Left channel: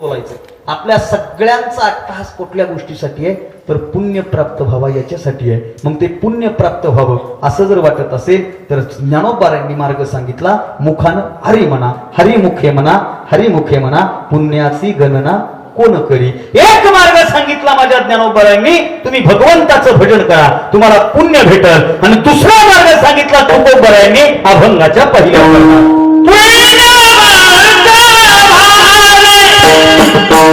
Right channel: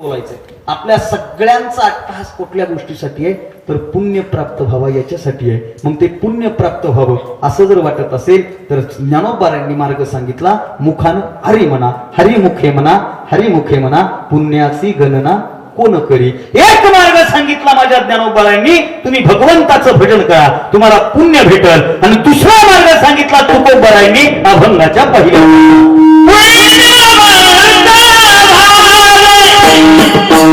बोलायचं आपल्या सगळ्यांचा अट्टहास कुठल्या गोष्टीसाठी आहे? तर पुण्य प्राप्त व्हावा याच्यासाठी आहे. मग ते पुण्य प्राप्त व्हावं असं जर वाटत असेल तर ज्ञानोबारांनी मार्ग सांगितला मुखानं हरी म्हणा हरिमुखे म्हणा हरिमुखे म्हणा पुण्याची गणना कोण करी? एक मार्ग सांगितला माझ्या ज्ञानोबारांनी तुम्ही भगवंताचं भजन करा तुम्हाला पुण्य भेटल. आणि दुसरा मार्ग सांगितला तुकोबरांनी अभंगाच्या पहिल्या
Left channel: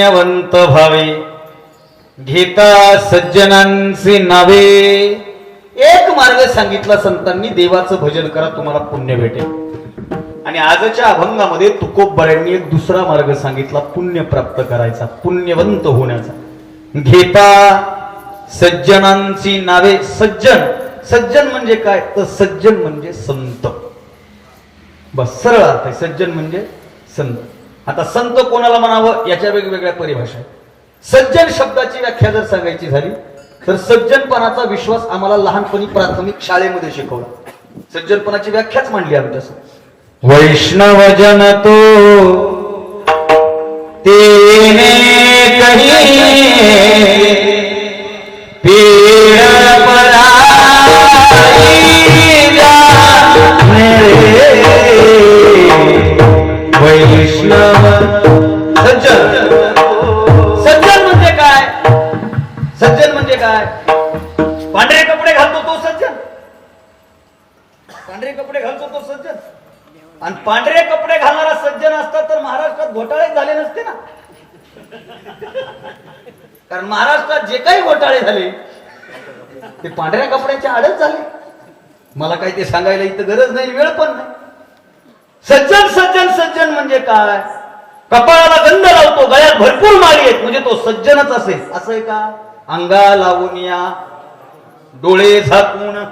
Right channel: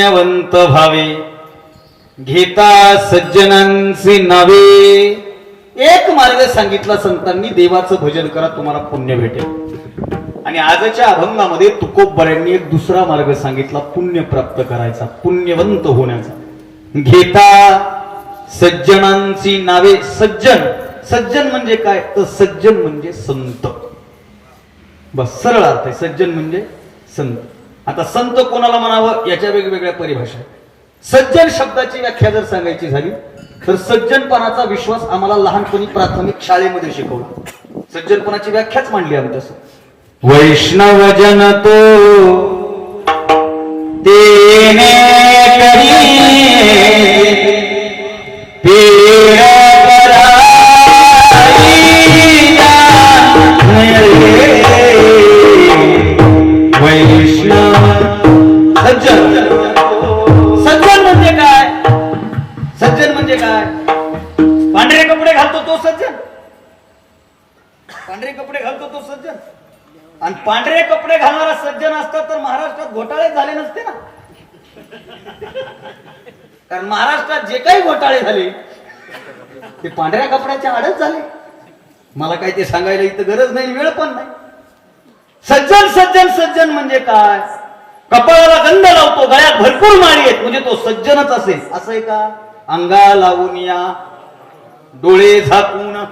पुण्यवंत भावे घेता सज्जनांचे नावे. एक मार्ग सांगितला संतांनी देवाचं भजन करा तुम्हाला पुण्य भेटेल. आणि आजच्या अभंगामध्ये तुकोबऱ्यांनी एक दुसरा मार्ग सांगितला पुण्य प्राप्त करायचा पुण्यवंत होण्याचा. घेता सज्जनांची नावे. सज्जन सज्जन म्हणजे काय? तर सज्जन म्हणजे संत. बस सरळ अर्थ आहे. सज्जन म्हणजे संत. आता संत कोणाला म्हणावं याच्या वेगवेगळ्या परिभाषा. सज्जन शब्दाची व्याख्या जर सांगायची झाली तर सज्जनपणाचा विश्वास आम्हाला लहानपणी प्राथमिक शाळेमध्ये शिकवला सज्जनपणाची व्याख्याच मांडली आमच्यासमोर वैष्णव जन तो तेने कपडे घालतो तो सज्जन. आणि पांढरे कपडे घालणारा सज्जन असता तर महाराष्ट्रात घोटाळे झाले नसते ना. कारण महाराष्ट्रात जे काही घोटाळे झाले ते पांढऱ्या कपड्याच्या आडच झाले. मला काही ते सांगायला इथं गरज नाही वेळ पण नाही. सज्जन सज्जन सज्जन म्हणजे काय? कपाळाला गंध लावतो गळ्यात भरपूर माळी आहेत म्हणजे तो सज्जनच असेल. असं आहे का? अंगा लावून या डोळे झाकून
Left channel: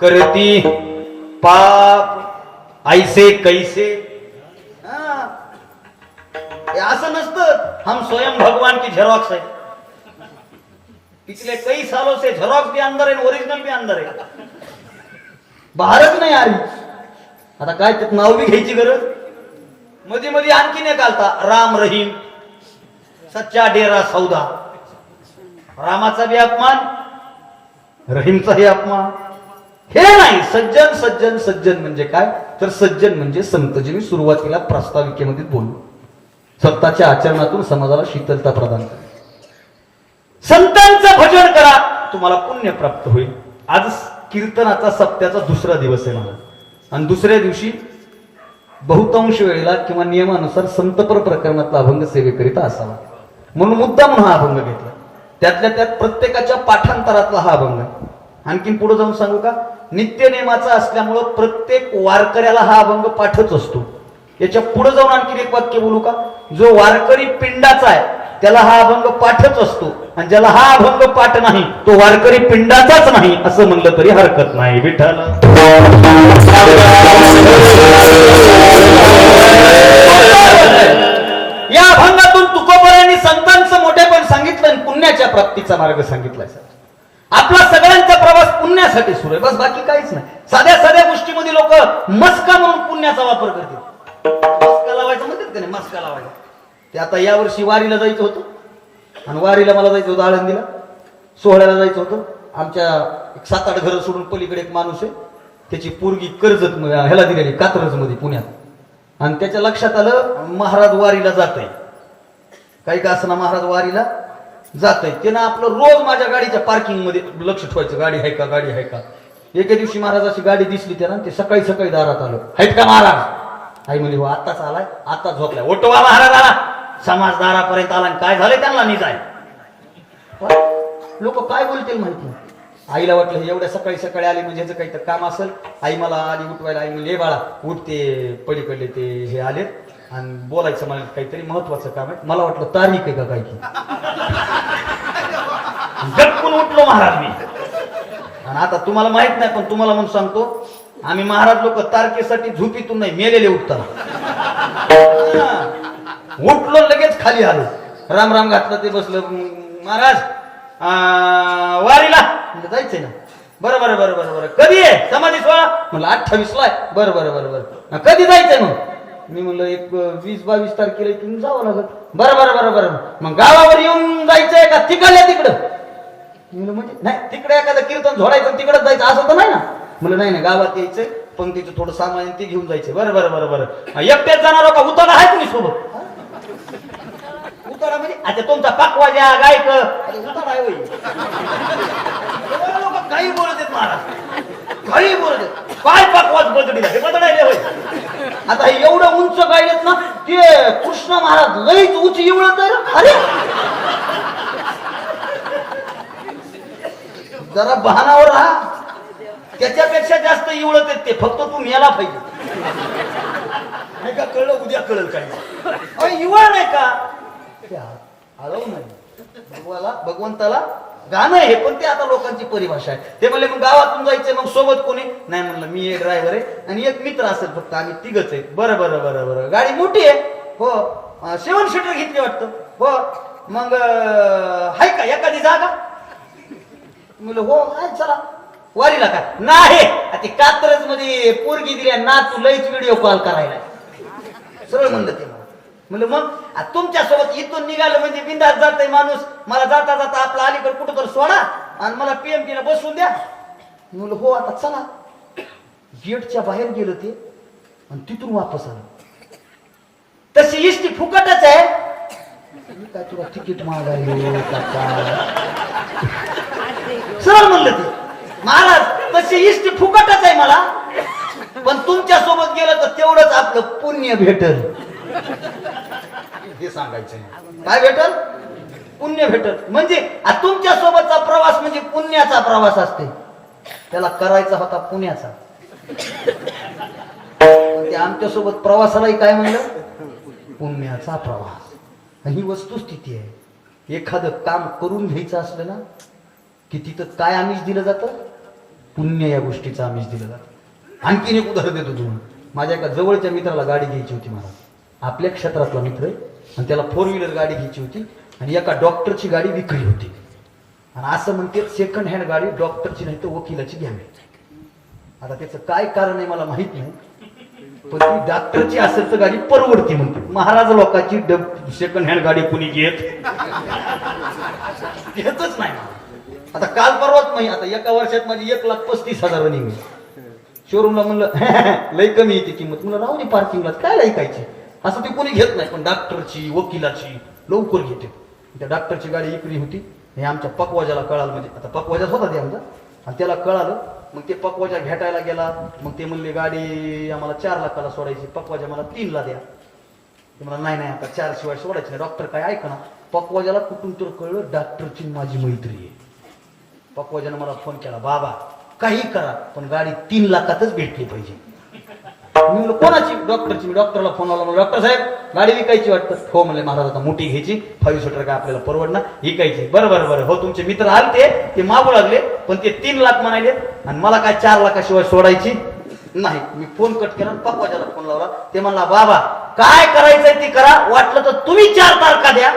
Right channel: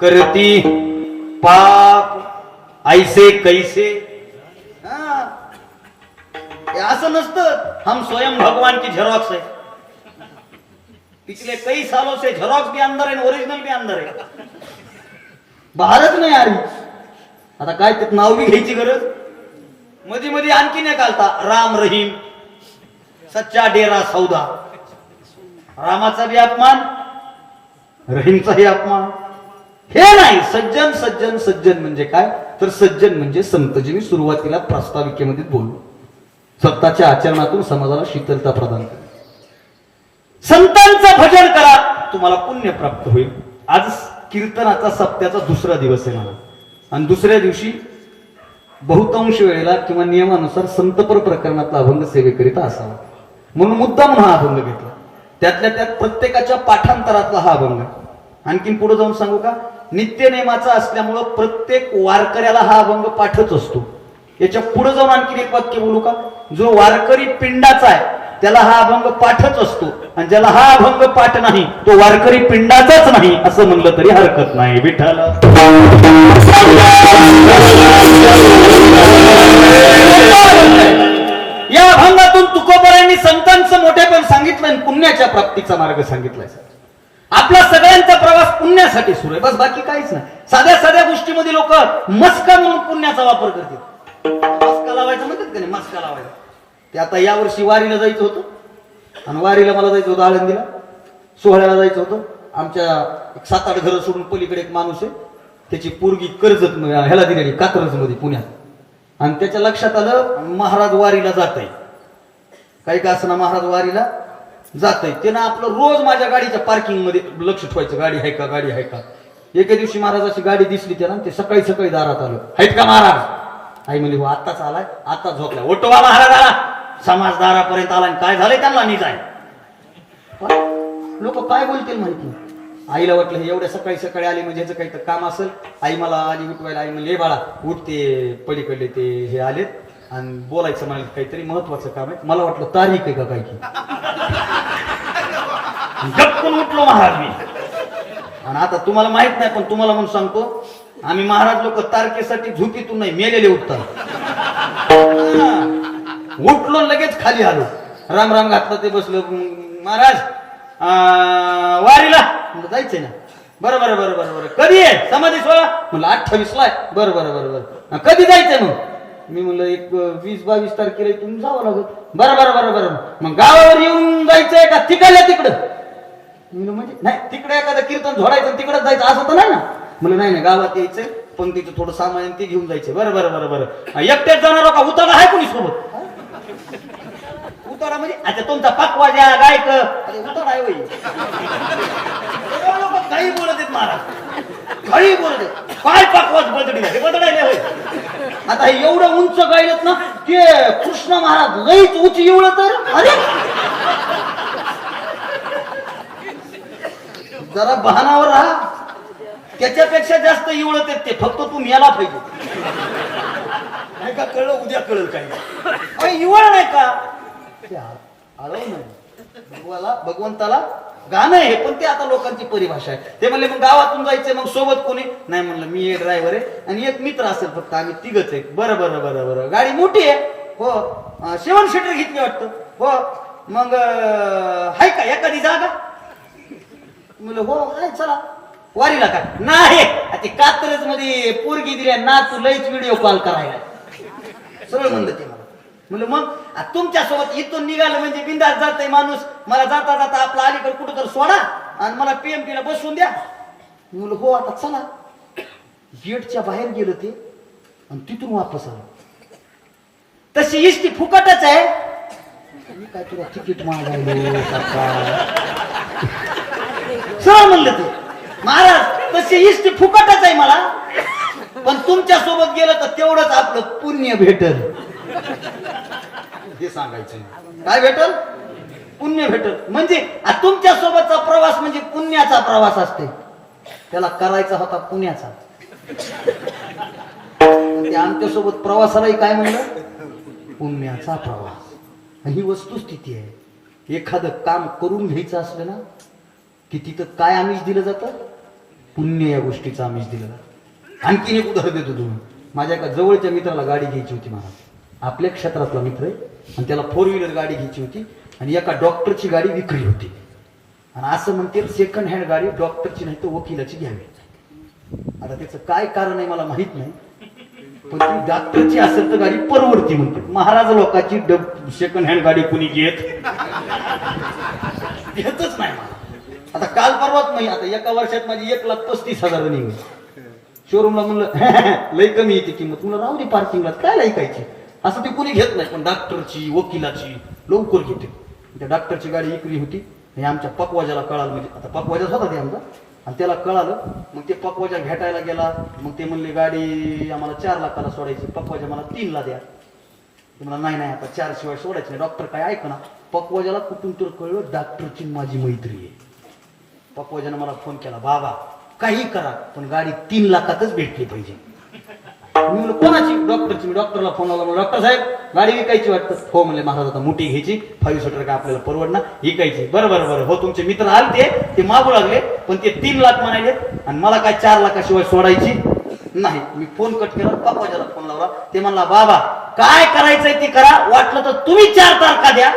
करती पाप ऐसे कैसे? हा. असं नसतं. हम स्वयं भगवान की झेरॉक्स है. पिछले कई सालों से झेरॉक्स भी अंदर है ओरिजिनल भी अंदर है. बाहेरच नाही आली आता काय नाव बी घ्यायची गरज? मध्ये मध्ये आणखी नाही घालता राम रहीम. सच्चा डेरा सौदा. रामाचा बी अपमान रहीमचाही अपमान. हे नाही. सज्जन सज्जन सज्जन म्हणजे काय? तर सज्जन म्हणजे संत जे मी सुरुवातीला प्रास्ताविकेमध्ये बोललो. स्वतःच्या आचरणातून समाजाला शीतलता प्रदान करा संतांचं भजन करा. तुम्हाला पुण्य प्राप्त होईल. आज कीर्तनाचा सप्त्याचा दुसरा दिवस आहे मला आणि दुसऱ्या दिवशी बहुतांश वेळेला किंवा नियमानुसार संतपर प्रकरणातला अभंग सेवेकरिता असावा. म्हणून मुद्दा म्हणून हा अभंग घेतला. त्यातल्या त्यात प्रत्येकाच्या पाठांतरातला हा अभंग. आणखीन पुढे जाऊन सांगू का? नित्यनेमाचा असल्यामुळं प्रत्येक वारकऱ्याला हा अभंग पाठत असतो. याच्यापुढे जाऊन आणखीन एक वाक्य बोलू का? जो वारकरी पिंडाचा आहे त्याला हा अभंग पाठच असतो. आणि ज्याला हा अभंग पाठ नाही तो वारकरी पिंडाचाच नाही असं म्हणलं तरी हरकत नाही विठ्ठल. या अभंगातून तुकोबरांनी संतांचं मोठेपण सांगितलं आणि पुण्याच्या प्राप्तीचा मार्ग सांगितलं आपला सगळ्यांचा प्रवास पुण्यासाठी सुरू आहे. बस बाकी काहीच नाही. साध्या साध्या गोष्टीमध्ये लोक मस्का म्हणून पुण्याचा वापर करतात. मस्का लावायचा म्हणतात का नाही? मस्का लावायचा. ते आता यावर्षी वारीला जायचं होतं. आणि वारीला मला जायचं होतं आळंदीला. सोहळ्याला जायचं होतं. आमच्या सात आठ घरं सोडून पलीकडे एक माणूस आहे. त्याची पोरगी कर्जत ह्याला दिलेली कात्रजमध्ये पुण्यात. आणि त्याच्या लक्षात आलं महाराज वारीला जात आहे. काही का असना महाराज वारीला? जात आहे त्यानं आपलं रोज माझ्या गाडीच्या पार्किंगमध्ये लक्ष ठेवायचं गाडी आहे का गाडी आहे का? एके दिवशी महाराजाची गाडी दिसली त्याला ते सकाळी सकाळी दारात आलं. आहेत का महाराज? आई म्हणली हो आत्ताच आलाय आता झोपलाय. ओटोबा महाराज आला समाज दारापर्यंत आला आणि काय झालंय त्यांना मी काय लोक काय बोलतील माहिती? आईला वाटलं हे एवढ्या सकाळी सकाळी आले म्हणजे ह्याचं काही तर काम असेल. आई मला आली उठवायला आई म्हणजे बाळा उठते पलीकडले ते हे आलेत. आणि बोलायचं मला काहीतरी महत्वाचं काम आहे. मला वाटलं तारीख आहे का काय की? गप्पून उठलो महाराज मी. आणि आता तुम्हाला माहीत नाही पण तुम्हाला म्हणून सांगतो आम्ही महाराज लोक तारखेसाठी झोपीतून नाही मेलेले उठतात उठलो लगेच खाली आलो. राम राम घातलं ते बसलं. महाराज अं, वारीला. जायचंय ना. बरं बरं बरं बरं बरं. कधी आहे? समाधी सोळा म्हणलं अठ्ठावीस ला आहे. बरं बरं बरं बरं. कधी जायचंय मग? मी म्हणलं एक वीस बावीस तारखेला तुम्ही जावं लागत बरं बरं बरं बरं. मग गावावर येऊन जायचंय का? तिकडल्या तिकडं. मी म्हणलं, म्हणजे नाही तिकडे एखादं कीर्तन झोडायचं तिकडं जायचं. असं तर नाही ना. म्हणलं नाही ना गावात यायचंय. पंक्तीचं थोडं सामान आहे, ते घेऊन जायचं बरं बरं बरं बरं. एकट्यात जाणार हो का? उतर आहे कोणी सोबत उतारा म्हणजे अच्छा तुमचा पकवाजा गायक अरे उतारा आहे होय. काही बोलत आहेत महाराज काही बोलत आहेत. काय पाकवाच बदडी हे बदडायला होय. आता एवढं उंच गायलेत ना ते कृष्ण महाराज लईच उंच एवढं तर अरे! जरा बहानावर राहा. त्याच्यापेक्षा जास्त इवळत आहेत ते. फक्त तू मेला पाहिजे. नाही का कळलं? उद्या कळलं काय इवळ नाही का? ते आ- आळव नाही भगवाला भगवंताला गाणं आहे पण ते आता लोकांची परिभाषा आहे. ते म्हणले मग गावातून जायचंय मग सोबत कोणी? नाही म्हणलं मी एक ड्रायव्हर आहे आणि एक मित्र असेल फक्त आम्ही तिघच आहे. बरं बरं बरं बरं. गाडी मोठी आहे. हो. सेवन सीटर घेतली वाटतं. हो. मग हाय आहे का? एखादी जागा? म्हणलं हो आहे चला. वारीला काय नाही. ते कात्रजमध्ये पोरगी दिल्या ना तू लईच व्हिडिओ कॉल करायला. सरळ म्हणलं ते मला. म्हणलं मग? तुमच्यासोबत इथून निघालं म्हणजे बिंदास जातय माणूस. मला जाता जाता आपला अलीकडे कुठं तर सोडा आणि मला पीएमटी ला बसवून द्या. म्हणलं हो आता चला. गेटच्या बाहेर गेलं ते आणि तिथून वापस आलं. तशी इष्टी फुकटच आहे. मी काय तुला तिकीट मागायलो सरळ म्हणलं ते. महाराज तशी इष्टी फुकटच आहे मला. पण तुमच्यासोबत गेलं तर तेवढंच आपलं पुण्य भेटल. हे सांगायचंय. काय भेटल? पुण्य भेटल. म्हणजे तुमच्या सोबतचा प्रवास म्हणजे पुण्याचा प्रवास असते. त्याला करायचा होता पुण्याचा. ते आमच्यासोबत प्रवासालाही काय म्हणलं? पुण्याचा प्रवास. ही वस्तुस्थिती आहे. एखादं काम करून घ्यायचं असलं ना की तिथं काय आमिष दिलं जातं? पुण्य या गोष्टीचं आमिष दिलं जातं. आणखीन एक उदाहरण देतो तुम्ही माझ्या एका जवळच्या मित्राला गाडी घ्यायची होती मला. आपल्या क्षेत्रातला मित्र आहे. आणि त्याला फोर व्हीलर गाडी घ्यायची होती आणि एका डॉक्टरची गाडी विक्री होती. आणि असं म्हणते सेकंड हँड गाडी डॉक्टरची नाही तर वकिलाची घ्यावी. आता त्याचं काय कारण आहे मला माहीत नाही. पण ती डॉक्टरची असेल तर गाडी परवडती म्हणते. महाराज लोकांची सेकंड हँड गाडी कुणी घेत? घेतच नाही. आता काल परवाच नाही आता एका वर्षात माझी एक लाख पस्तीस हजार निघली. शोरूमला म्हणलं लय कमी येते किंमत. म्हणलं राहू दे पार्किंगला काय लय कायची असं ते कोणी घेत नाही. पण डॉक्टरची वकिलाची लवकर घेते. त्या डॉक्टरची गाडी इकली होती. आणि आमच्या पकवाजाला कळालं. म्हणजे आता पकवाजाच होता ते आमचा. आणि त्याला कळालं. मग ते पकवाजा घेटायला गेला. मग ते म्हणले गाडी आम्हाला चार लाखाला सोडायची. पकवाजा मला तीनला द्या. ते मला नाही नाही आता चार शिवाय सोडायचं नाही. डॉक्टर काय ऐकणार? पकवाजाला कुठून तर कळलं डॉक्टरची माझी मैत्री आहे. पकवाजानं मला फोन केला बाबा काही करा पण गाडी तीन लाखातच भेटली पाहिजे. मी म्हणलं कोणाची? डॉक्टरची. मी डॉक्टरला फोन लावला. म्हणलं, डॉक्टर साहेब गाडी विकायची वाटतं. हो म्हणले महाराज आता मोठी घ्यायची. फाईव्ह सीटर काय आपल्याला परवडणार विकायची. बरं बरं बरं. हो तुमचे मित्र आले ते मागू लागले. पण ते तीन लाख म्हणाले आणि मला काय चार लाखाशिवाय सोडायची नाही. मी फोन कट केला. पापाच्याला फोन लावला ते म्हणला बाबा काय करायचंय ते करा. वाटलं तर तुम्ही चार तारखा द्या.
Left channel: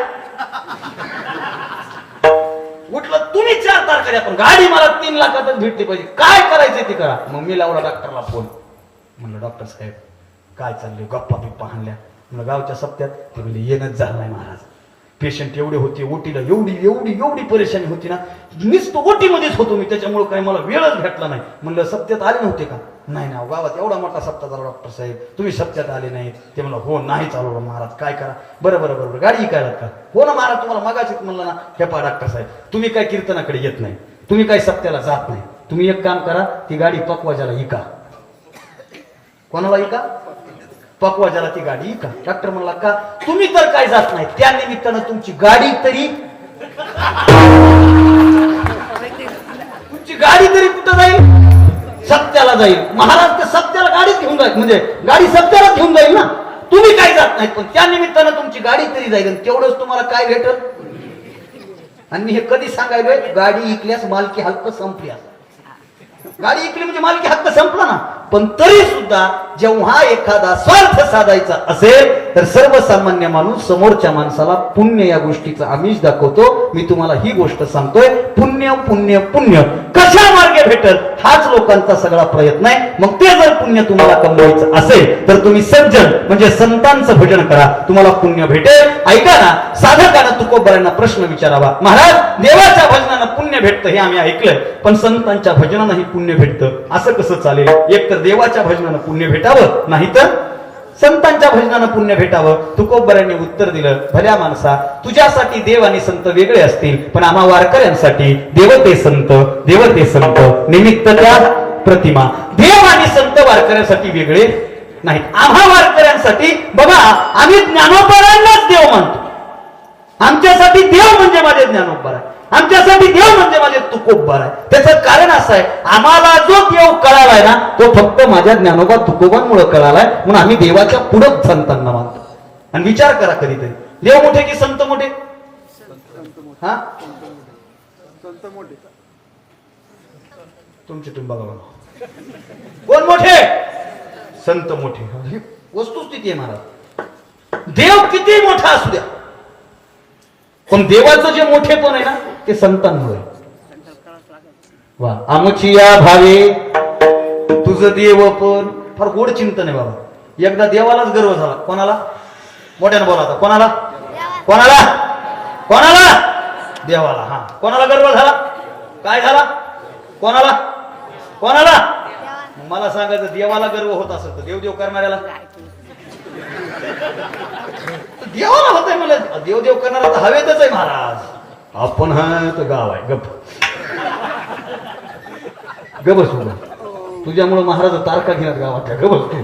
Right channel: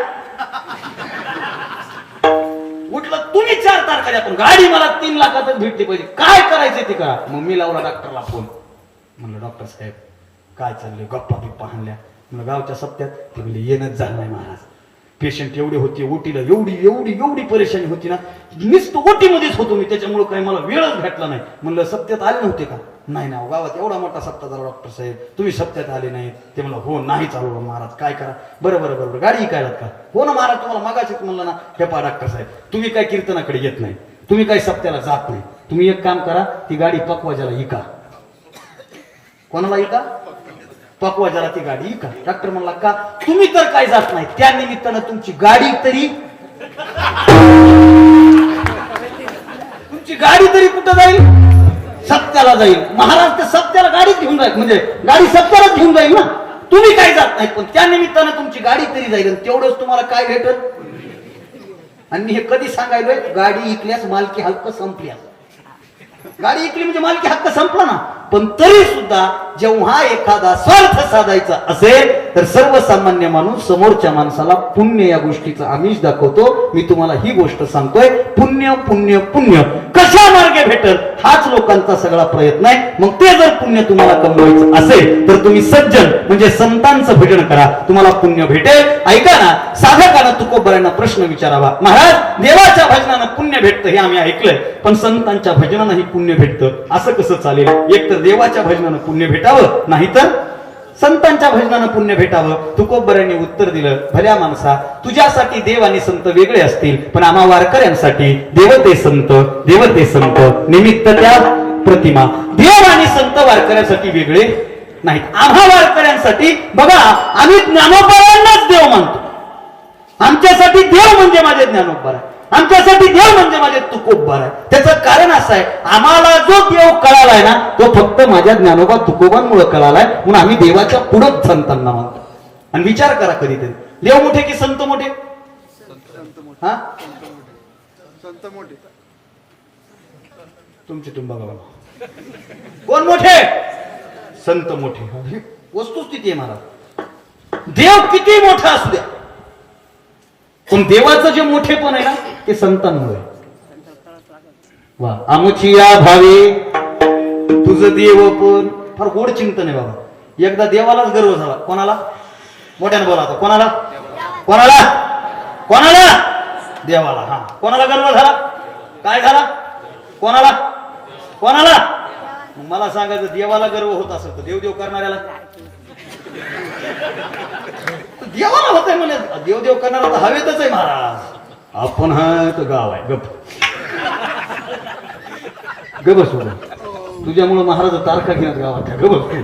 म्हटलं तुम्ही चार तारखा द्या. पण गाडी मला तीन लाखातच भेटली पाहिजे. काय करायचंय ते करा. मग मी लावला डॉक्टरला फोन म्हणलं डॉक्टर साहेब काय चाललंय? गप्पा बिप्पा हाणल्या. म्हणलं गावच्या सप्त्यात ते म्हणजे येणंच झालं नाही महाराज. पेशंट एवढे होते ओटीला एवढी एवढी एवढी परेशानी होती ना नुसतं ओटीमध्येच होतो मी त्याच्यामुळे काही मला वेळच भेटला नाही. म्हणलं सप्त्यात आले नव्हते का? नाही ना हो, गावात एवढा मोठा सप्ताह झाला डॉक्टर साहेब. तुम्ही सप्त्यात आले नाही. ते म्हणलं हो नाही चालू महाराज काय करा? बरं बरं बरं गाडी काय का? हो ना महाराज तुम्हाला मागायचं म्हणलं ना. हे पा डॉक्टर साहेब तुम्ही काय कीर्तनाकडे येत नाही. तुम्ही काय सप्त्याला जात नाही. तुम्ही एक काम करा ती गाडी पकवाजाला इका. कोणाला इका पकवाजाला ती गाडी का डॉक्टर म्हणला का? तुम्ही तर काय जात नाही त्या निमित्तानं तुमची गाडी तरी तुमची गाडी तरी कुठं जाईल? सत्याला जाईल. महाराज ते सत्याला गाडीच घेऊन जाईल. म्हणजे गाडी सत्यालाच घेऊन जाईल ना? तुम्ही काय जात नाही पण त्या निमित्तानं तुमची गाडी तरी जाईल तेवढंच तुम्हाला काय भेटल? आणि मी हे कधी सांगायलोय? गाडी इकल्यास मालकी हक्क संपल्यास गाडी इकली म्हणजे मालकी हक्क संपला ना? पण तरी सुद्धा जेव्हा एखादा स्वार्थ साधायचा असेल तर सर्वसामान्य माणूस समोरच्या माणसाला पुण्य या गोष्टीचा आमिष दाखवतो. मी तुम्हाला ही गोष्ट सांगतोय पुण्य पुण्य पुण्य. कशा मार्गे भेटल हाच लोकांचा सगळा प्रयत्न आहे. मग ते जर पुण्य तुम्हाला कमवायचं असेल तर तुम्ही सज्जन म्हणजे संतांचं भजन करा. तुम्हाला पुण्य भेटेल. ऐका ना साधकांना तुकोबऱ्यांना प्रश्न विचारावा. महाराज देवाच्या भजनानं पुण्य भेटतं हे आम्ही ऐकलंय पण संतांच्या भजनानंही पुण्य भेटतं. असं कसं चालेल? एक तर देवाच्या भजनानं पुण्य भेटावं नाहीतर संतांच्या भजनानं पुण्य भेटावं. तुकोबरांनी उत्तर दिलं भल्या माणसा तुझ्यासाठी देव आणि संत वेगळे असतील पण आम्हा वारकऱ्यांसाठी देवते संत देवते संत निमित्त त्या प्रतिमा. देव आणि संत वारकऱ्यांसाठी वेगळे नाहीत. आम्हा वारकऱ्यांसाठी बघा आम्ही ज्ञानोपरांनाच देव मानतो. आमच्यासाठी देव म्हणजे माझे ज्ञानोबर आमच्यासाठी देव म्हणजे माझे तुकोबर आहे. त्याचं कारण असं आहे आम्हाला जो देव कळालाय ना तो फक्त माझ्या ज्ञानोबा तुकोबांमुळे कळालाय म्हणून आम्ही देवाच्या पुढं संतांना मानतो. आणि विचार करा कधीतरी देव मोठे की संत मोठे? हा? तुमचे तुम्ही बघा. कोण मोठे? संत मोठे. वस्तुस्थिती आहे महाराज देव किती मोठा असू द्या. पण देवाचं जे मोठेपण आहे ना ते संतांमुळे वा आमची या भावे तुझं देव पण. फार गोड चिंतन आहे बाबा. एकदा देवालाच गर्व झाला. कोणाला? मोठ्यानं बोला आता. कोणाला? कोणाला? कोणाला? देवाला. हा. कोणाला गर्व झाला? काय झाला? कोणाला? कोणाला? मला सांगायचं देवाला गर्व होत असेल तर देवदेव करणाऱ्याला. देवाला होत आहे मला देव देव करणारा तर हवेतच आहे महाराज. आपण हा तो गाव आहे. गप गबस तुझ्यामुळे महाराज तारखा घेणार गावात गबस तू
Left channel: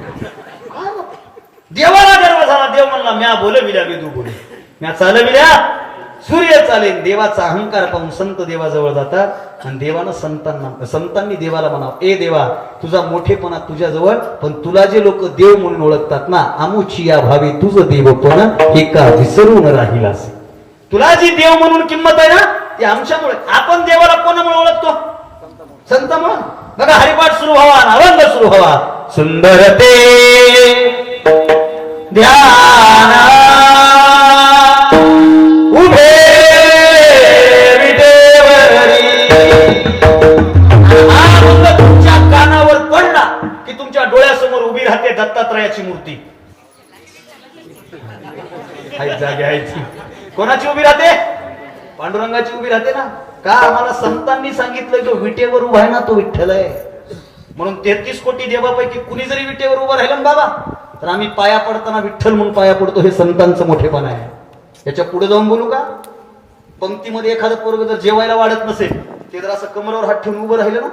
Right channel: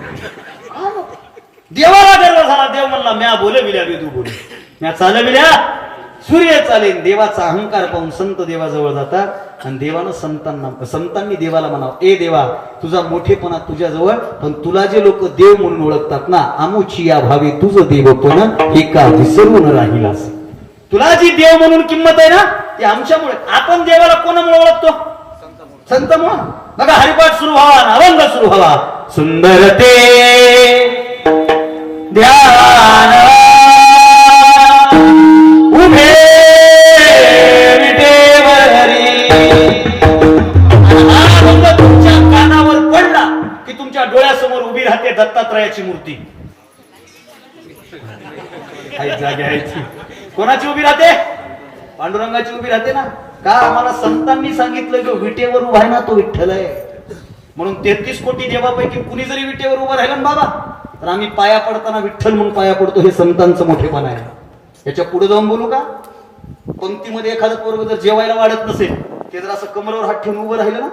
देवाला गर्व झाला. देव म्हणला म्या बोलविल्या वेदू बोले म्या चालविल्या. सूर्य चालेल देवाचा अहंकार पाहून संत देवाजवळ जातात. आणि देवानं संतांना संतांनी देवाला म्हणावं ए देवा तुझा मोठेपणा तुझ्याजवळ पण तुला जे लोक देव म्हणून ओळखतात ना आमुची या भावी तुझं देवपणा हे का विसरून राहिलास? तुला जी देव म्हणून किंमत आहे ना ती आमच्यामुळे आपण देवाला कोणामुळे ओळखतो? संत म्हणून बघा हरिपाठ सुरू व्हावा नावंग सुरू व्हावा. सुंदर ते ध्यान राहते दत्तात्रयाची मूर्ती. कोणाची उभी राहते? पांडुरंगाची उभी राहते ना? का आम्हाला संतांनी सांगितलं जो विटेवर उभा आहे ना तो विठ्ठल आहे? म्हणून तेहतीस कोटी देवापैकी कुणी जरी विटेवर उभा राहिला ना बाबा तर आम्ही पाया पडताना विठ्ठल म्हणून पाया पडतो हे संतांचं मोठेपण आहे. याच्यापुढे जाऊन बोलू का? पंक्तीमध्ये एखादं पोरग जर जेवायला वाढत नसेल ते जर असं कमरावर हात ठेवून उभं राहिलं ना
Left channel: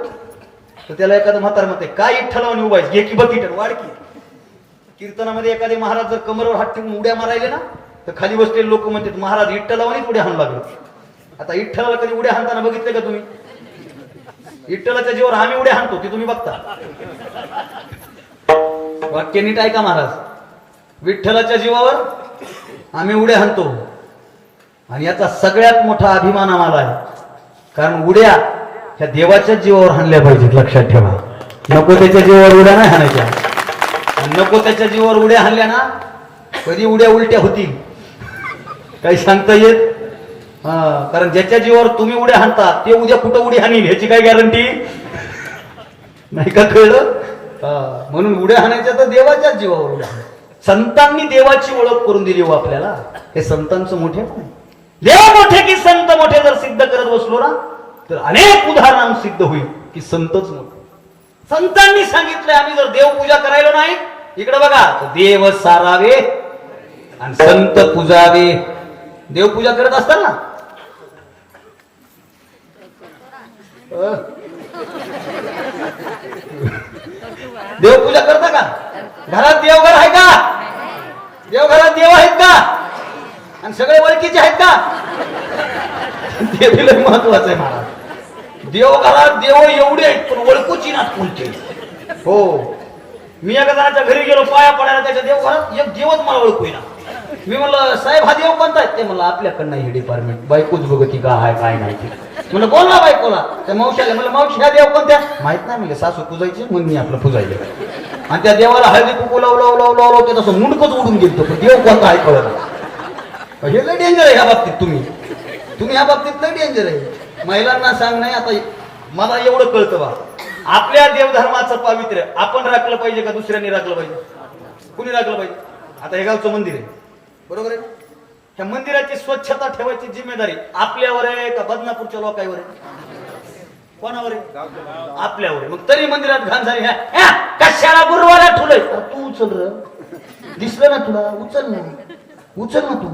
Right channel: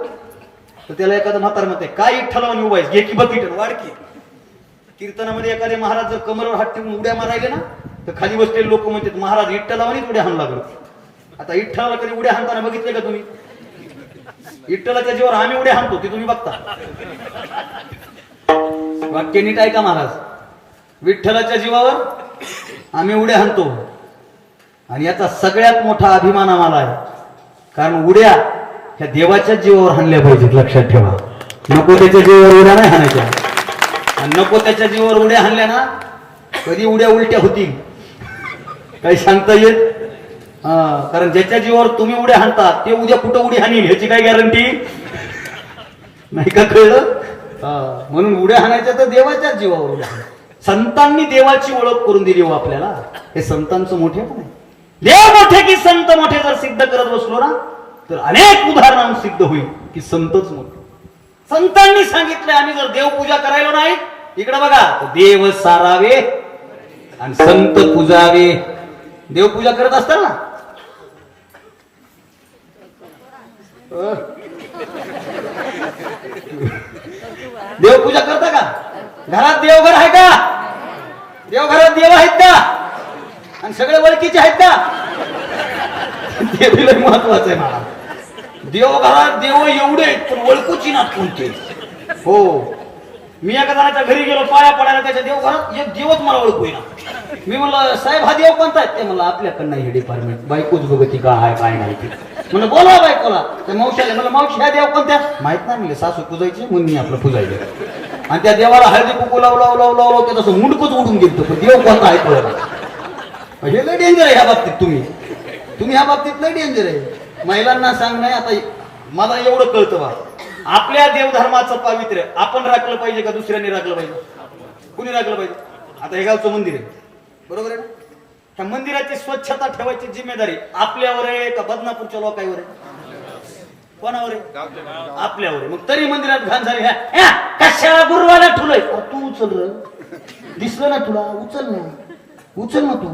तर त्याला एखादं म्हातार म्हणते काय इठ्ठलावून उभा आहेस? घे की बकीटन वाढकी कीर्तनामध्ये एखादे महाराज जर कमरवर हात ठेवून उड्या मारायले ना तर खाली बसलेले लोक म्हणतात महाराज इठ्ठलावानीच उड्या हाणू लागलो. आता इठ्ठलाला कधी उड्या हाणताना बघितले का तुम्ही? इठ्ठलाच्या जीवावर आम्ही उड्या हाणतो ते तुम्ही बघता. वाक्य नीट ऐका महाराज. विठ्ठलाच्या जीवावर आम्ही उड्या हाणतो. आणि याचा सगळ्यात मोठा अभिमान आम्हाला आहे. कारण उड्या ह्या देवाच्या जीवावर हाणल्या पाहिजेत लक्षात ठेवा. नको त्याच्या जीवावर उड्या नाही हाणायच्या. नको त्याच्या जीवावर उड्या हाणल्या ना कधी उड्या उलट्या होतील. काही सांगता येत? हा कारण ज्याच्या जीवावर तुम्ही उड्या हाणता ते उद्या कुठं उडी हाणील ह्याची काय गॅरंटी? नाही का कळलं? म्हणून उड्या हाणायच्या तर देवाच्याच जीवावर उड्या संतांनी देवाची ओळख करून दिली हो आपल्याला. हे संतांचं मोठे पण देव मोठे की संत मोठे जर सिद्ध करत बसलो ना तर अनेक उदाहरण सिद्ध होईल की संतच मोठे संतांनी सांगितलं आम्ही जर देवपूजा करायला नाही इकडे बघा देव सारावे आणि संत पूजावे. देवपूजा करत असताना. देवपूजा करता का? घरात देवघर आहे का? देवघरात देव आहेत का? आणि सगळे ओळखीचे आहेत का? ते महत्वाचं आहे मला देवघरात देव एवढे आहेत पण ओळखूची नात कोणते हो. मी एका जणाच्या घरी गेलो पाया पडायला त्याच्या देवघरात एक देवच मला ओळखू ना मी म्हणलं साहेब हा देव कोणता आहे? ते म्हणलं आपल्याकडनं हे डिपार्टमेंट बायकोच बघती का आहे काय नाही म्हणलं बोला बायकोला. त्या मावशीला म्हणलं मावशी ह्या देव कोणत्या? माहीत नाही. म्हणले सासू पूजायची म्हणून मी आपलं पुजायचं आणि त्या देवाला हळदी कुकू लावलं लावलं लावलं ते तसं मुंडकच उडून गेलं पण देव कोणता आहे कळत हे लय डेंजर आहे ह्या बाबतीत तुम्ही. तुम्ही ह्या बाबतीत लय डेंजर आहे. महिलांना सांग नाही आता मला एवढं कळतं बा. आपल्या देवधर्माचं पावित्र्य आपण राखलं पाहिजे का दुसऱ्यांनी राखलं पाहिजे? कुणी राखलं पाहिजे? आता हे गावचं मंदिर आहे. बरोबर आहे ह्या मंदिराची स्वच्छता ठेवायची जिम्मेदारी आपल्यावर आहे का बदनापूरच्या लोकांवर आहे? कोणावर आहे? आपल्यावर आहे. मग तरी मंदिरात घाण झाली. कशाला गुरुवाला ठुलय? तू उचल र. दिसलं ना तुला? उचल ना. उचल ना तू.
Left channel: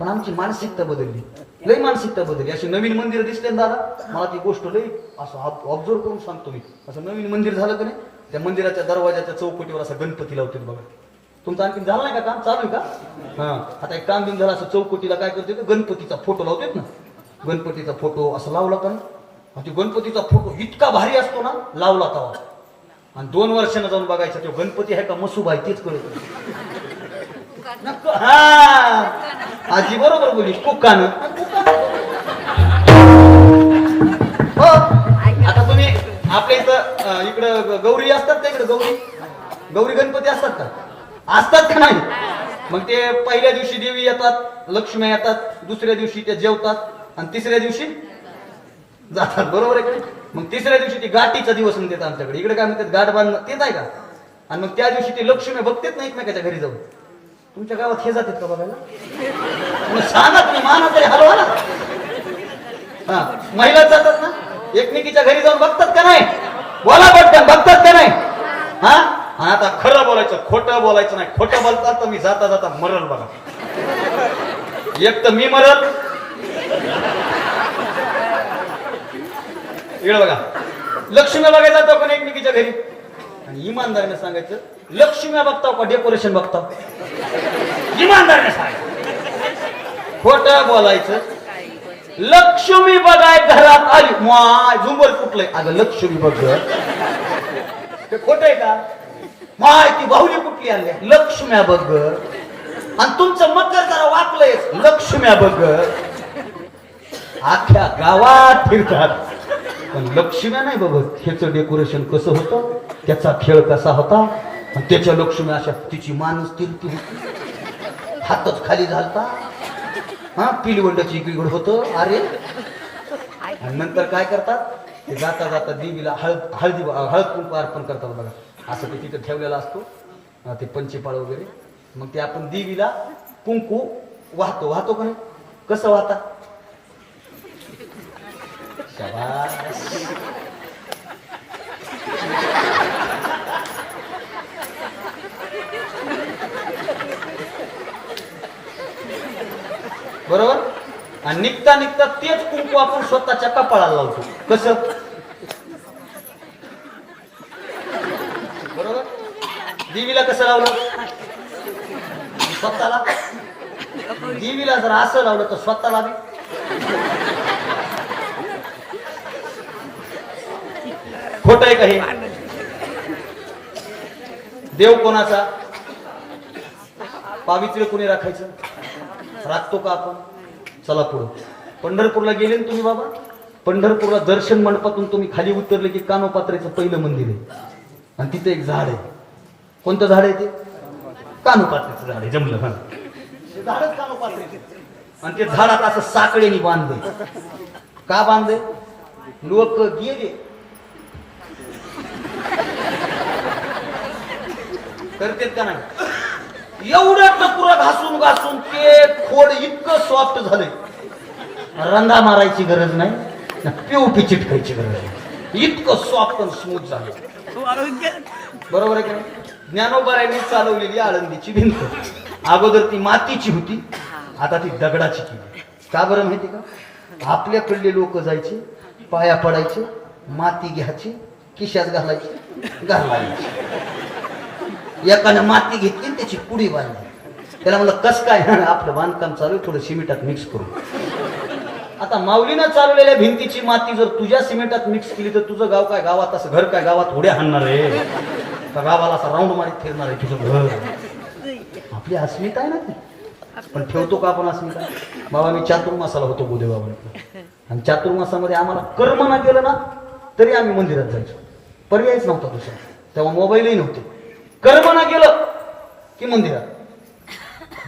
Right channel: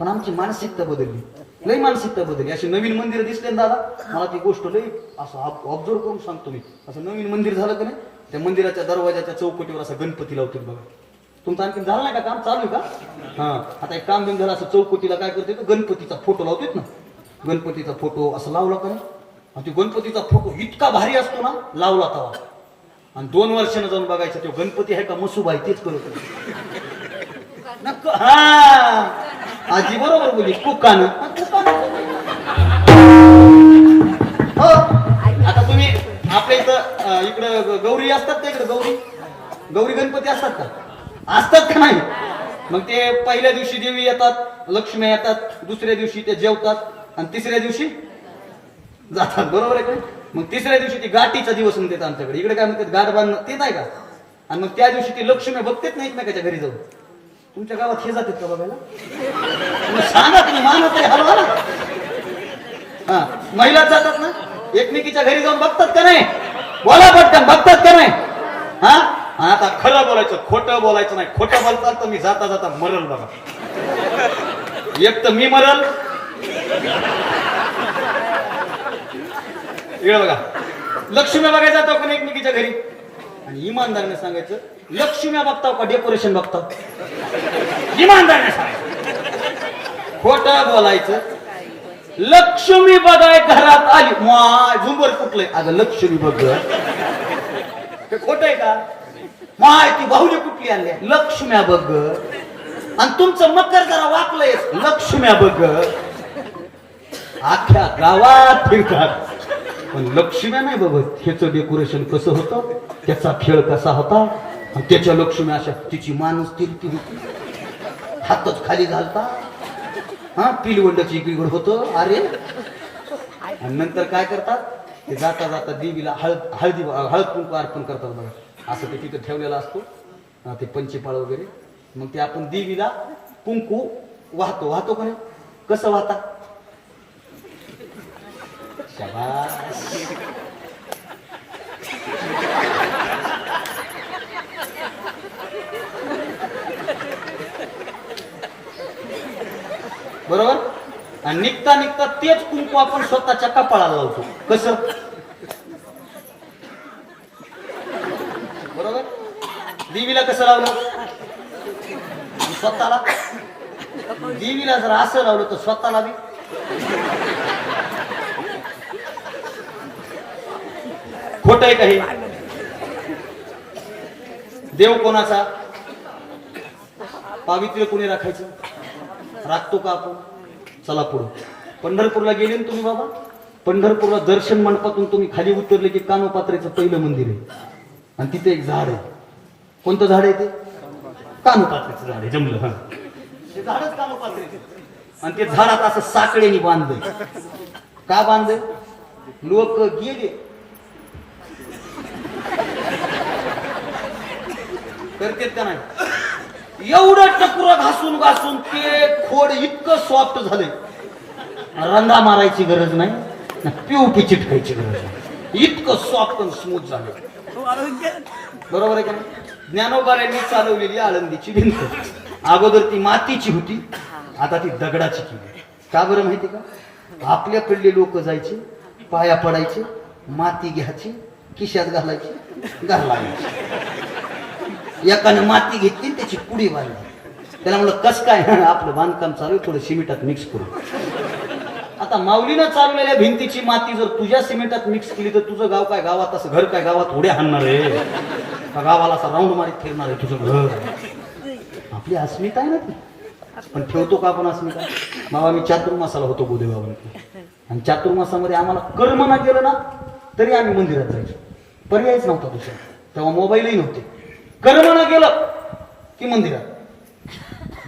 पण आमची मानसिकता बदलली. लय मानसिकता बदलली अशी नवीन मंदिर दिसले ना दादा मला ती गोष्ट लय असं ऑब्झर्व करून सांगतो मी. असं नवीन मंदिर झालं का नाही त्या मंदिराच्या दरवाजाच्या चौकटीवर असा गणपती लावतात बघा. तुमचं आणखी झालं नाही का काम? चालू आहे का? हा. आता एक काम बिन झालं असं चौकटीला काय करते गणपतीचा फोटो लावतात ना. गणपतीचा फोटो असं लावला का नाही तो गणपतीचा फोटो इतका भारी असतो ना लावला तवा आणि दोन वर्षानं जाऊन बघायचा तो गणपती आहे का मसूब आहे तेच करत हा. आजी बरोबर बोली कुकान. हो. आता तुम्ही आपल्या इथं इकडं गौरी असतात का इकडे गौरी? गौरी गणपती असतात का? असतात का नाही? मग ते पहिल्या दिवशी देवी येतात लक्ष्मी येतात दुसऱ्या दिवशी ते जेवतात आणि तिसऱ्या दिवशी जातात. बरोबर आहे काय मग तिसऱ्या दिवशी ती गाठीचा दिवस म्हणतात आमच्याकडे. इकडे काय म्हणतात? गाठ बांधणं तेच आहे का? आणि मग त्या दिवशी ती लक्ष्मी बघतेच नाहीत ना त्याच्या घरी जाऊन. तुमच्या गावात हे जातात का बघायला? मग सांगा तुम्ही मानत आहे हलवा ना हा महिला जातात ना? एकमेकीच्या घरी जाऊन बघतात का नाही? बोला बघतात बघतात का नाही? हा? आता खरं बोलायचं खोटं बोलायचं नाही. खोटं बोलतात तर मी जाता जाता मरल बघा. एक तर मी मरल इकडे बघा. लक्ष्मी बघायला जातो पण एकमेकीच्या घरी. आणि इमानदारीने सांगायचं लक्ष्मी बघताव का डेकोरेशन बघताव? इमानदारीने सांगायचं. खोट बोलायचं. लक्ष्मी बघाय घरात आली. माय झुंबर कुठलंय अगं लक्ष्मी बघ ते खोट आहे का? माय ती बाहुली कुठली आणली? लक्ष्म्या बघ आणि तुमचं मकर जरा वाकलंय. लक्ष्म्या बघ आख्या गावात फिरतात. लक्ष्म्या नाही बघत ह्याचं डेकोरेशन कसं होतं? त्याचा खेळ कसा होता? त्याच्या लक्ष्मी अशा तिची माणूस तिरती होती. हातच खाली झालता. हा पिलवंडाची बिघड होतं. अरे. आणि नंतर काय करतात? ते जाता जाता देवीला हळद हळदी हळद कुंकू अर्पण करतात बघा. असं ते तिथं ठेवलेलं असतो. ते पंचेपाळ वगैरे. मग ते आपण देवीला कुंकू वाहतो. वाहतो का कसं वाहता? शाबास बरोबर? आणि निघता निघता तेच कुंकू आपण स्वतःच्या कपाळाला लावतो. कस? बरोबर? देवीला कसं लावलं? स्वतःला? देवीला जर असं लावलं तर स्वतःला बी? खोट आहे का हे? देव कोणाचा? पावित्र्य कोणी राखायचं? राखतो का आपण? चला पुढं. पंढरपूरला गेले ना तुम्ही बाबा? पंढरपूरला दर्शन मंडपातून तुम्ही खाली उतरले की कानोपात्र्याचं पहिलं मंदिर आहे. आणि तिथे एक झाड आहे. कोणतं झाड आहे ते? कानोपात्र्याचं झाड आहे. जमलं हा. ते झाडच कानोपात्र्याचे आणि ते झाडात असं साकळेने बांधलंय. का बांधलंय? लोक गेले. करतेत का नाही? एवढं टकुरा घासून घासून ते खोड इतकं सॉफ्ट झालंय. रंगा मारायची गरज नाही पिवटी चिटकायची गरज नाही. इतकं सॉफ्ट आणि स्मूथ झालं बरोबर आहे का ज्ञानोबाऱ्यांनी चालवलेली आळंदीची भिंत. अगोदर ती मातीची होती आता ती दगडाची केली. का बरं माहिती का? आपल्याकडले लोक जायचे पाया पडायचे माती घ्यायची खिशात घालायची घालायची. एकाने माती घेतली आणि त्याची पुडी बांधली त्याला म्हणलं कस काय आपलं बांधकाम चालू आहे, थोडं सिमेंटात मिक्स करू. आता माऊलीनं चालवलेल्या भिंतीची माती जर तुझ्या सिमेंटात मिक्स केली तर तुझं गाव काय गावात असं घर काय गावात उड्या हाणणार आहे? गावाला असं राऊंड मारीत फिरणार आहे तुझं घर? आपली अस्मिता आहे ना ती. पण ठेवतो का आपण अस्मिता? बाबा मी चातुर्मासाला होतो गोदेबाबांकडे आणि चातुर्मासामध्ये आम्हाला कर्म ना केलं ना तरी आम्ही मंदिरात जायचो. पर्यायच नव्हता दुसरा. तेव्हा मोबाईलही नव्हते. कर्मनं गेलं केलं की मंदिरात.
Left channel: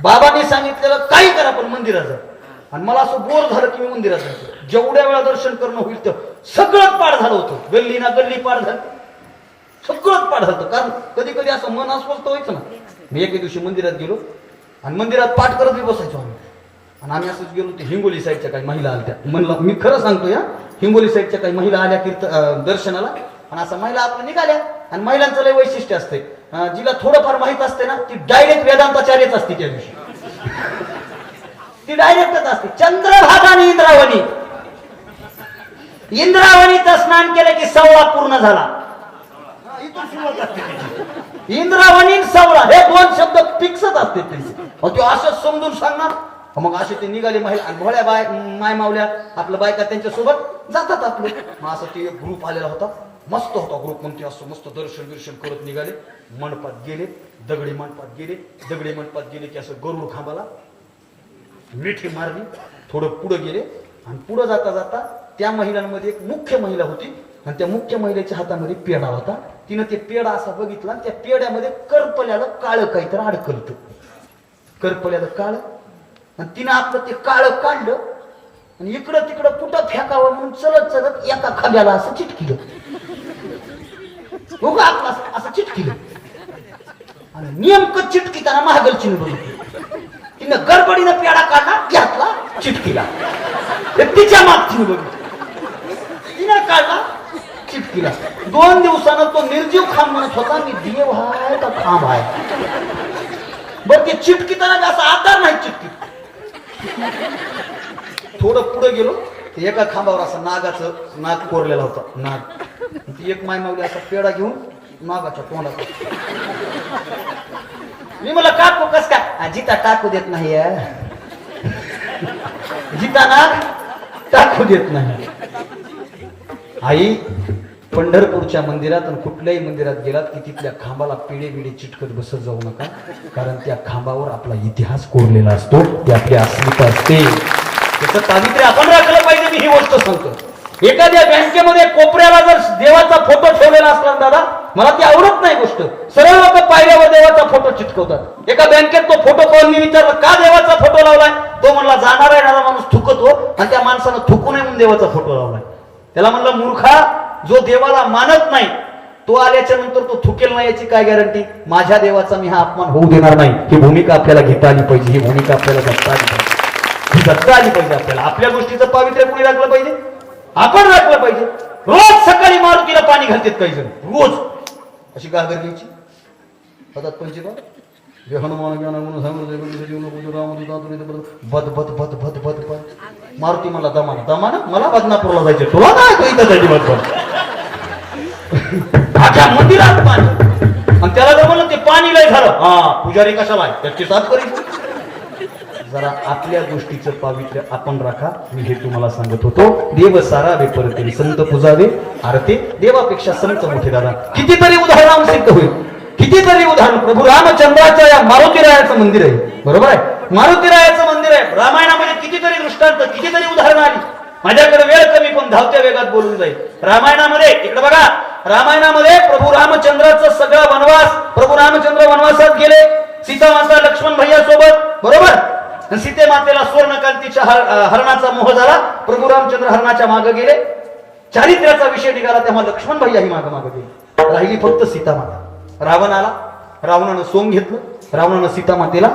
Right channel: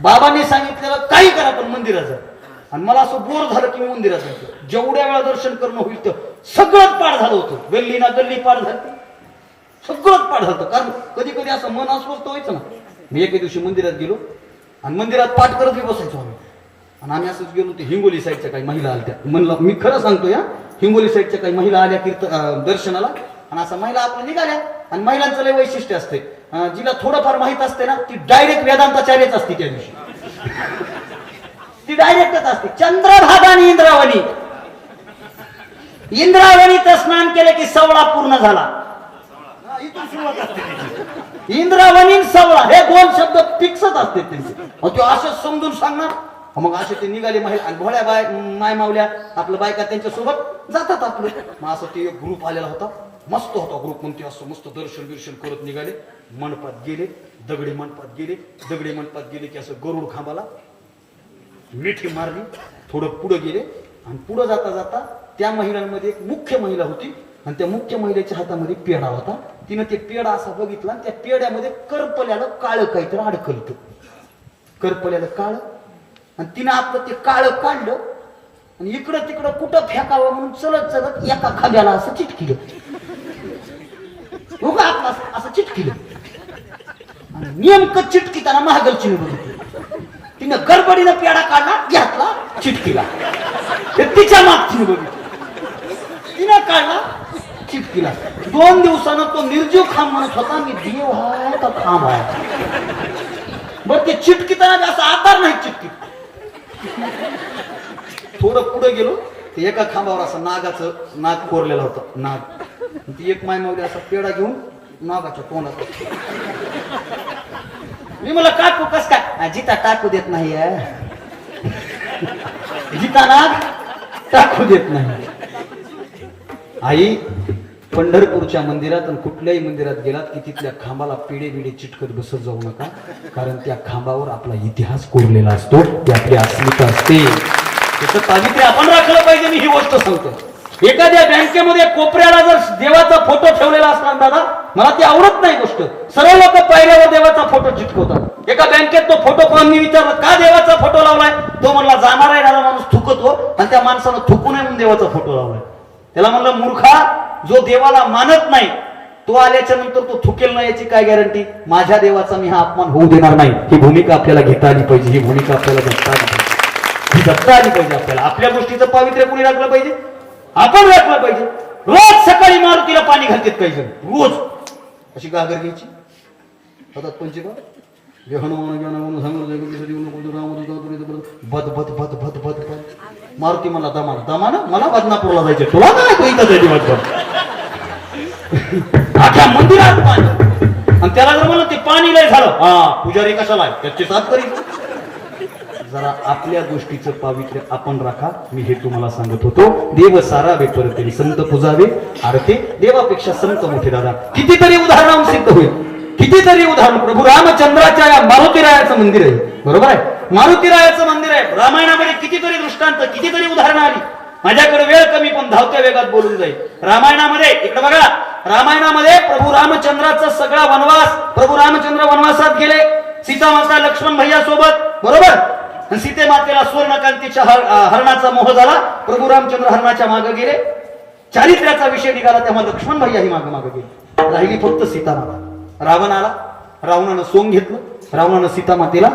बाबांनी सांगितलेलं काही करा पण मंदिरात जा आणि मला असं बोर झालं की मी मंदिरात जातो. जेवढ्या वेळा दर्शन करणं होईल तर सगळंच पाठ झालं होतं. गल्ली ना गल्ली पाठ झालं. सगळंच पाठ झालं कारण कधी कधी असं मन अस्वस्थ व्हायचं ना. मी एके दिवशी मंदिरात गेलो आणि मंदिरात पाठ करत मी बसायचो आम्ही. आणि आम्ही असंच गेलो ते हिंगोली साईडच्या काही महिला आल्या. म्हणलं मी खरं सांगतो या हिंगोली साईडच्या काही महिला आल्या कीर्त दर्शनाला. आणि असं महिला आपल्या निघाल्या आणि महिलांचं लय वैशिष्ट्य असते जिला थोडंफार माहीत असते ना ती डायरेक्ट वेदांताचार्यच असते त्या दिवशी. ती डायरेक्टच असते. चंद्रभागा आणि इंद्रावणी इंद्रावणीचं स्नान केलं की सवळा पूर्ण झाला. इंद्रावणी सवळा हे दोन शब्द फिक्सच असते त्यांचे. मग ते असं समजून सांगणार. मग असे ते निघाले आणि भोळ्या बाय माय मावल्या आपल्या बायका त्यांच्यासोबत जातात आपलं. मग असं ते एक ग्रुप आलेला होता. मस्त होता ग्रुप म्हणते मस्त दर्शन बिर्शन करत निघाले. मंडपात गेले दगडी मंडपात गेले. दगडी मंडपात गेले की असं गरुड खांबाला मिठी मारली थोडं पुढं गेले. आणि पुढं जाता जाता त्या महिलांमध्ये एक मुख्य महिला होती. आणि त्या मुख्य महिलेच्या हातामध्ये पेढा होता. तिनं ते पेढा असा बघितला आणि त्या पेढ्यामध्ये करपल्याला काळं काहीतरी अडकलत करपल्याला काळ. आणि तिनं आपलं ते काळं काढलं. आणि इकडं तिकडं कुठं फेकावं म्हणून चलत चलत एका खांब्याला असं चिटकिलं. उगा आपलं असं- चिटकी आणि नेमकं चिटकीताना महागलची बघितली तिनं गडबडीनं पेडा काढला घातला चिटकीला. हे तिच्या मागची बघितली. तिनं काढला चिटकीला. दोन दिवसानं तो निर्जीव खांब म्हणत होता मी देव आहे का खांब आहे. बर ते चिटकीताना असा आधार नाही चिटकी थोडं पुढे गेलो ते एका खांबावर असं नागाचं नाग कोरलेला होता नाग ती एक मायमावली असा पेढा घेऊन नागाच्या तोंडात मी मला काकू कस काय? जिता टाकू देत नाही जिताना टाकू देत नाही. आई पंढरपूरच्या मंदिरात आणि कुठल्याही मंदिरात गेलात की तिथल्या खांबाला पिढे बिडे चिटकत बसत जाऊ नका कारण त्या खांबावर आपला इतिहास कोरलेला असतो ती आपली अस्मिता असते. त्याचं पावित्र्य आपण राखलं पाहिजे मी ही गोष्ट सांगतो. एखाद्या बँकेमध्ये कोपऱ्याला जर देवाचा फोटो ठेवलेला असला दादा मला ती आवडत नाही गोष्ट. सर्व लोक पायऱ्यावर देवाचा फोटो चिटकवतात. एका बँकेत तो फोटो कोणी विचारला का देवाचा फोटो लावलाय? तो म्हणला जाणारा येणारा माणूस थुकतो. आणि त्या माणसानं थुकू नये म्हणून देवाचा फोटो लावलाय. त्याला म्हणलं मूर्खा जो देवाला मानत नाही तो आल्याच्यानंतर तो थुकेल नाही याची काय गॅरंटी? माझ्या देवाचा मी हा अपमान होऊ देणार नाही. ही भूमिका आपल्याला घेता आली पाहिजे. ही भूमिका आपल्याला जगता आली पाहिजे. ही जगता आली पाहिजे आपल्याला. आपल्या गोष्टीचं पावित्र्य कोणी लागलं पाहिजे? आपण राखलं पाहिजे. रोज सकाळी मारुतीला पाणी घालतात काही जण. रोज. अशी गागर घ्यायची? हातात पंचेबा जे हनुमान ज्ञान म्हणून सांगितलं जीवन बोलतो राम तुझा बद बद बद बद बद बद. मारुती मला दमा दमा ना मला बदनापूरला जायचं. तुला काय तो इथं जायची त्याची आख्या मंदिरात पाणी. आणि त्याला जर म्हणलं ते पाणी लय झालं. हा पुजारी कशाला आहे? त्याची साथ करीन जरा आपल्या गोष्टीचं पावित्र्य आपण राखा. मी हे तुम्हाला सांगत होतो. देव सारावे परते संत पुजावे. आरते देवापेक्षा संत मोठे दादा. कितीतरी उदाहरण सिद्ध होईल. कितीतरी उदाहरण. प्रभू रामचंद्राच्या या मारुतीरायाचं मंदिर आहे. बरोबर आहे? मारुतीरायाचं मंदिर आहे. रामायणामध्ये कितीतरी दृष्टांत कितीतरी उदाहरणं आली. माझ्याकडे वेळ कमी पण धावत्या वेगात बोलून जाईल. रामायणामध्ये इकडे बघा. रामायणामध्ये प्रभू रामचंद्राचा सगळा वनवास प्रभू रामचंद्र वनवासात गेले. सीता माता लक्ष्मण भैया सोबत बरोबर? सीते मातेला स्वर्णकांतीच्या हर- हरणाचा मोह झाला. प्रभू रामचंद्र हरणाच्या मागे गेले. चारित्र्याचा विषय निघाला तेव्हा लक्ष्मण भैयाही मागे मागे गेले. राहिली फक्त सीता माता. रावण आला. रावणानं सोंग घेतलं. रावणानं सीता मातेला